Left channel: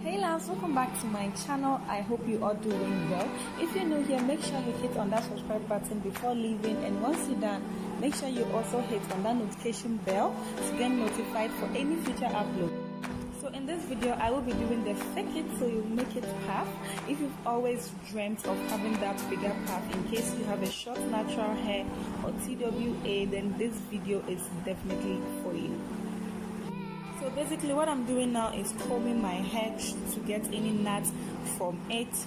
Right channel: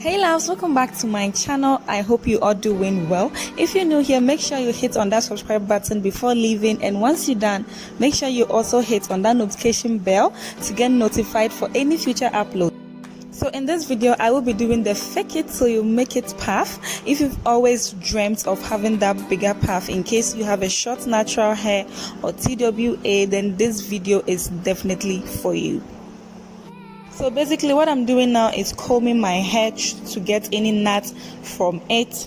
Hey loves, welcome back to my channel. I hope you are doing well. If you're new here, make sure you hit on that subscribe button before leaving, and once you're done, make sure you also hit on that notification bell to get notified for any future upload. So in this video, I will be doing the fake it till you make it puff. If you've always dreamt of having that bigger puff, in case you have a short natural hair or TWA, then this video is definitely for you. So basically what I'm doing now is combing my hair to get any knots from it.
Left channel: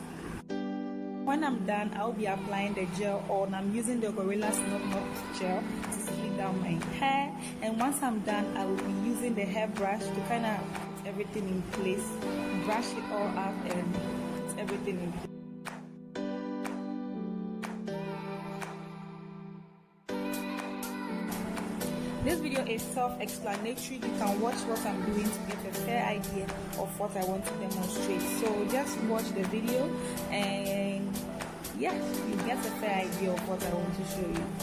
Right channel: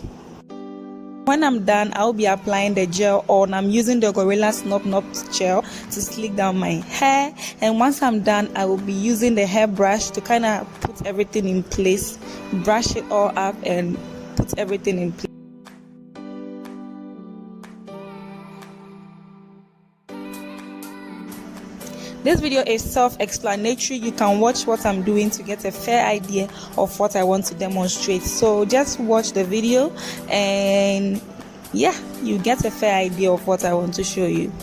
When I'm done, I'll be applying the gel on. I'm using the Gorilla Snop gel to slick down my hair, and once I'm done, I will be using the hairbrush to kind of put everything in place, brush it all up and put everything in place. This video is self-explanatory. You can watch what I'm doing to get a fair idea of what I want to demonstrate. So just watch the video and yeah, you get a fair idea of what I want to show you.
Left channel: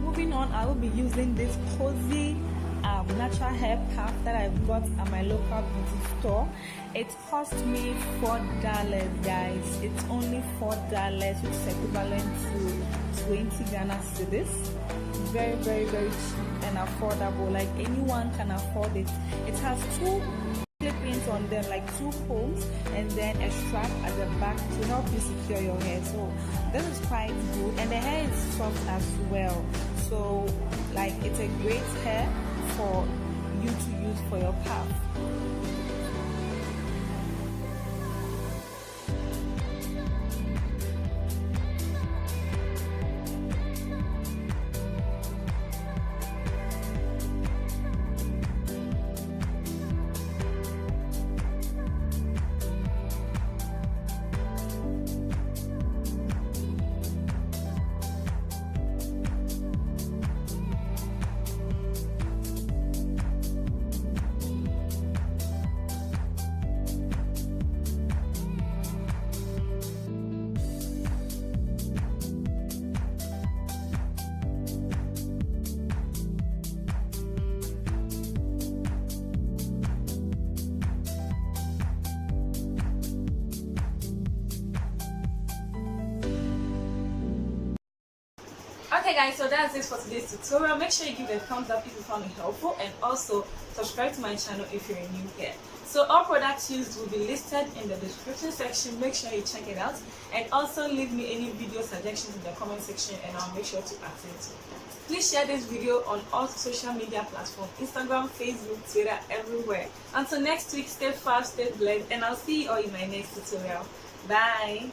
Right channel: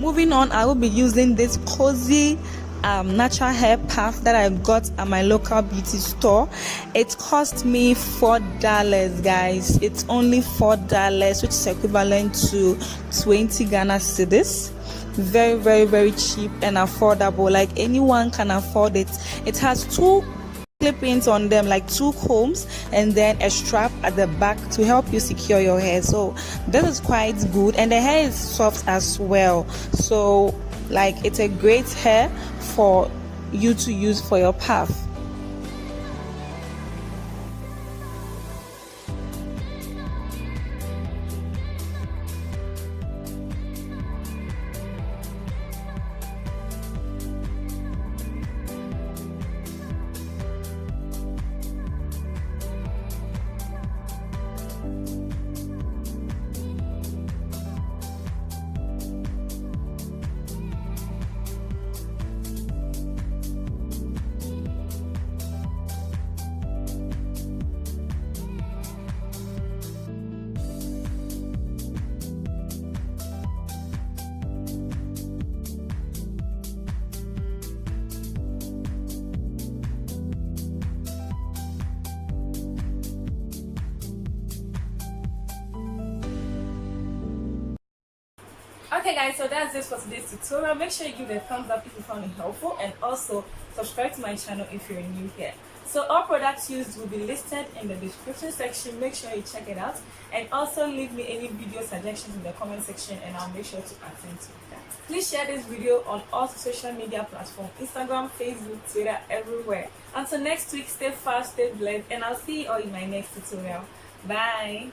Moving on, I will be using this cozy natural hair puff that I got at my local beauty store. It cost me $4, guys. It's only $4, which is equivalent to 20 Ghana cedis. Very cheap and affordable. Like anyone can afford it. It has two clip-ins on them, like two combs, and then a strap at the back to help you secure your hair. So this is quite good, and the hair is soft as well. So like it's a great hair for you to use for your puff. Okay guys, so that's it for today's tutorial. Make sure you give it a thumbs up if you found it helpful, and also subscribe to my channel if you're new here. So all products used will be listed in the description section. Make sure you check it out, and also leave me any video suggestions in the comment section and I'll make sure to attend to that. Please share this video on all social media platforms: Instagram, Facebook, Twitter, everywhere. Until next week, stay fast, stay blessed, and I'll see you all in my next tutorial. Bye.